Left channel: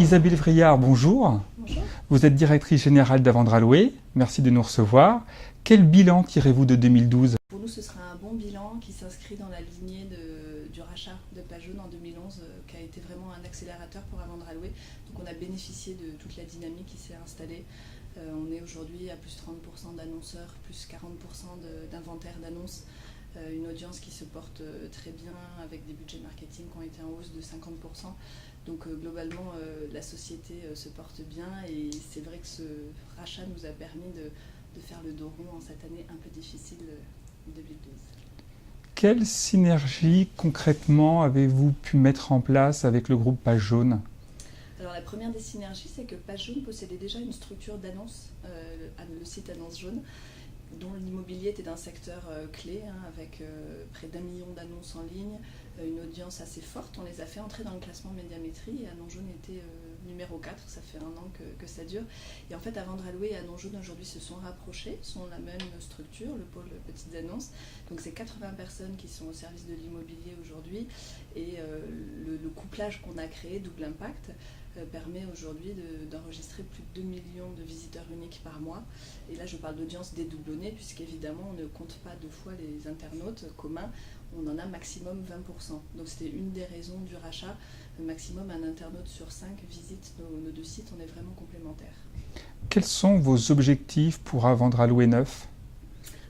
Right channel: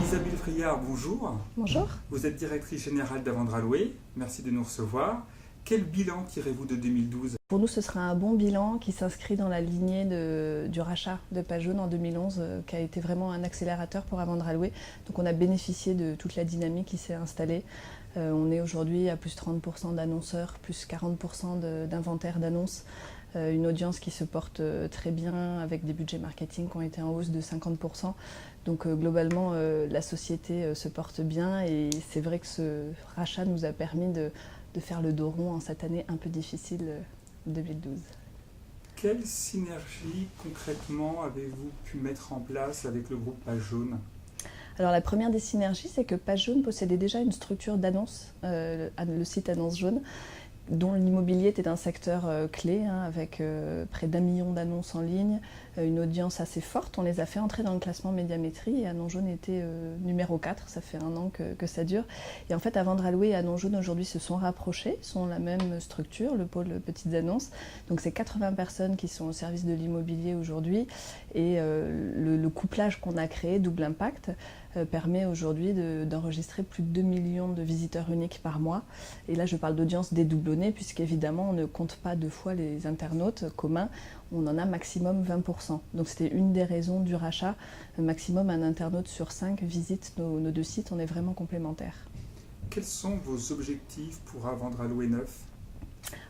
Isabelle Vriard, bonjour. Bonjour. Vous êtes directrice générale d'Avendra Louer. Merci de nous recevoir. Quel bilan tirez-vous de 2012? Pour nous, ce sera un bon bilan qui s'inscrit dans la lignée du rachat de Page Jaune en 2011, qui a été vraiment un accélérateur pour Avendra Louer. Donc on a bénéficié de toute la dynamique qui s'est installée. On est aujourd'hui à plus 30% d'annonceurs, plus 40% d'inventaire d'annonces. Une audience qui se porte très bien avec des budgets marketing qui ont été en hausse de 50%. Donc globalement, la société se porte bien et c'est vrai que ce rachat nous a permis de faire le dos rond en cette année un peu difficile 2012. Quelle synergie concrètement avez-vous pu mettre en place avec le groupe Page Jaune? Alors la première des synergies, c'est que Page Jaune possédait déjà une structure d'annonce, le site Annonce Jaune, dont l'immobilier était un secteur clé, avec près d'1 million d'annonces en ligne, une audience assez forte. On les a fait entrer dans le classement Médiamétrie et Annonce Jaune était numéro 4, ça fait 1 an que ça dure. Et en fait, Avendra Louer et Annonce Jaune aujourd'hui se sont rapprochés, sont la même structure, le pôle petites annonces. Donc c'est 80 personnes qui sont au service de l'immobilier aujourd'hui et le couplage qu'on a créé, Double Impact, permet aujourd'hui d'enregistrer plus de 2 millions de visiteurs uniques par mois. Et là, je parle d'audience dédoublonnée, puisqu'évidemment, on ne compte pas 2 fois les internautes communs, on en a maximum 20%. Donc c'était une des raisons du rachat. Maximum un internaute sur 5 visite nos 2 sites, on est vraiment complémentaires. Quels sont vos objectifs pour Avendra Louer 9?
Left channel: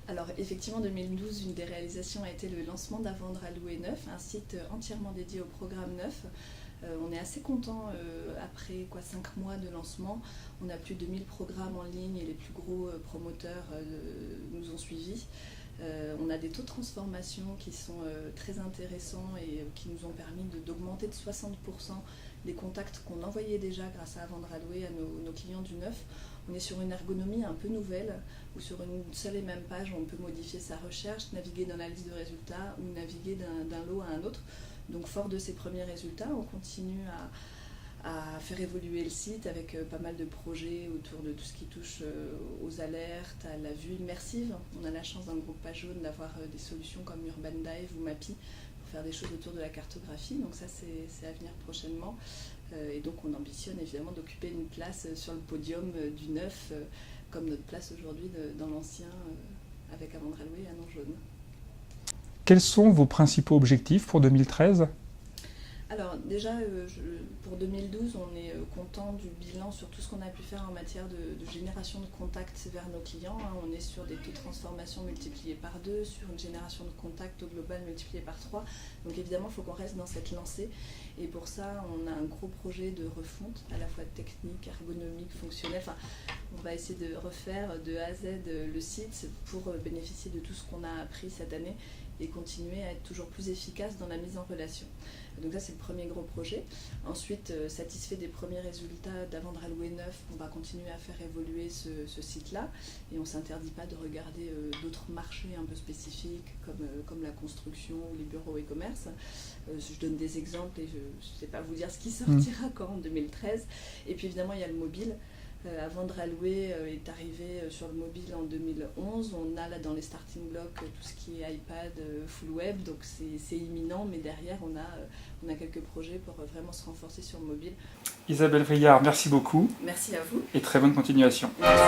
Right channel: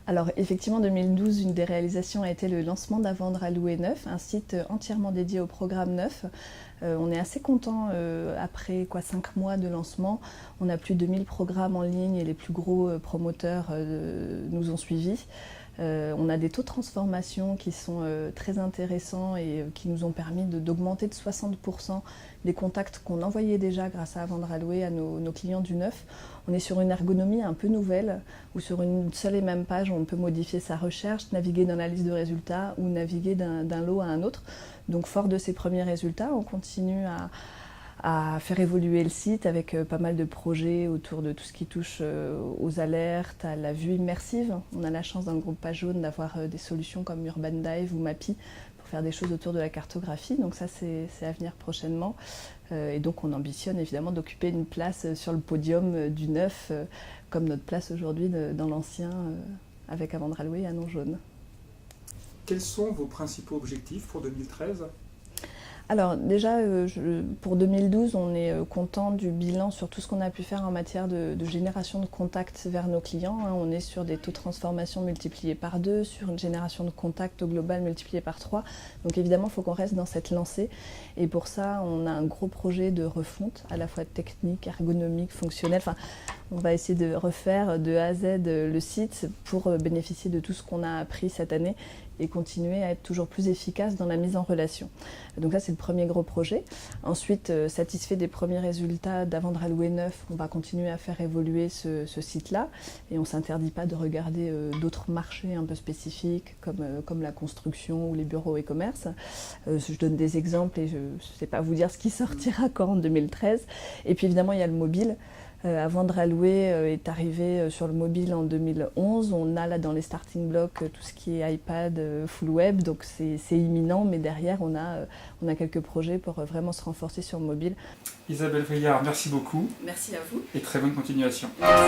Alors effectivement, en 2012, une des réalisations a été le lancement d'Avendra Louer 9, un site entièrement dédié au programme 9. On est assez content après 5 mois de lancement. On a plus de 1000 programmes en ligne et les plus gros promoteurs nous ont suivis. On a des taux de transformation qui sont très intéressants et qui nous ont permis d'augmenter de 60% les contacts qu'on envoyait déjà grâce à Avendra Louer à nos clients du neuf. On est sur une ergonomie un peu nouvelle où sur une seule et même page on peut modifier sa recherche, naviguer dans la liste de résultats ou naviguer d'un lot à un autre. Donc fort de ces premiers résultats, on continue à faire évoluer le site avec pas mal de projets autour de tout ce qui touche aux alertes, à la vue immersive. On a la chance dans le groupe Page Jaune d'avoir des solutions comme Urban Dive ou Mappy pour faire des choses autour de la cartographie. Donc ça c'est à venir prochainement. Et donc on ambitionne évidemment d'occuper une place sur le podium du neuf, comme notre place aujourd'hui dans l'ancien avec Avendra Louer et Annonce Jaune. Quels sont vos principaux objectifs pour 2013? Alors déjà, pour 2012, on est content du bilan sur tout ce qu'on a pu faire en matière de génération de contacts vers nos clients. On est sur des taux de transformation multipliés par 2, sur une génération de contacts au global multiplié par 3. Donc évidemment, il faut qu'on reste dans cette lancée. Et pour ça, on a un gros projet de refonte, à la fois technique, ergonomique, fonctionnel. Enfin, on va essayer de refaire de A à Z le site pour bénéficier de tout ce qu'on a appris cette année et continuer à être toujours plus efficace dans la mise en relation. Donc ça, c'est le premier gros projet. Ensuite, satisfait des premiers résultats d'Avendra Louer 9, on va continuer à faire évoluer ce site-là et on ne s'interdit pas de regarder d'autres marchés un peu spécifiques comme la construction ou les bureaux et commerces. Je donne des exemples et je ne sais pas vous dire ce qui sortira quand en 2013. Et puis évidemment, il y a le mobile. Avendra Louer est arrivé sur le mobile en 2011. On a là dans les starting blocks tout ce qui est iPad, full web, donc c'est imminent, mais derrière on a quelques projets pour vraiment se renforcer sur le mobile. Isabelle Vriard, merci beaucoup. Merci à vous. Et très bonne continuation. Merci.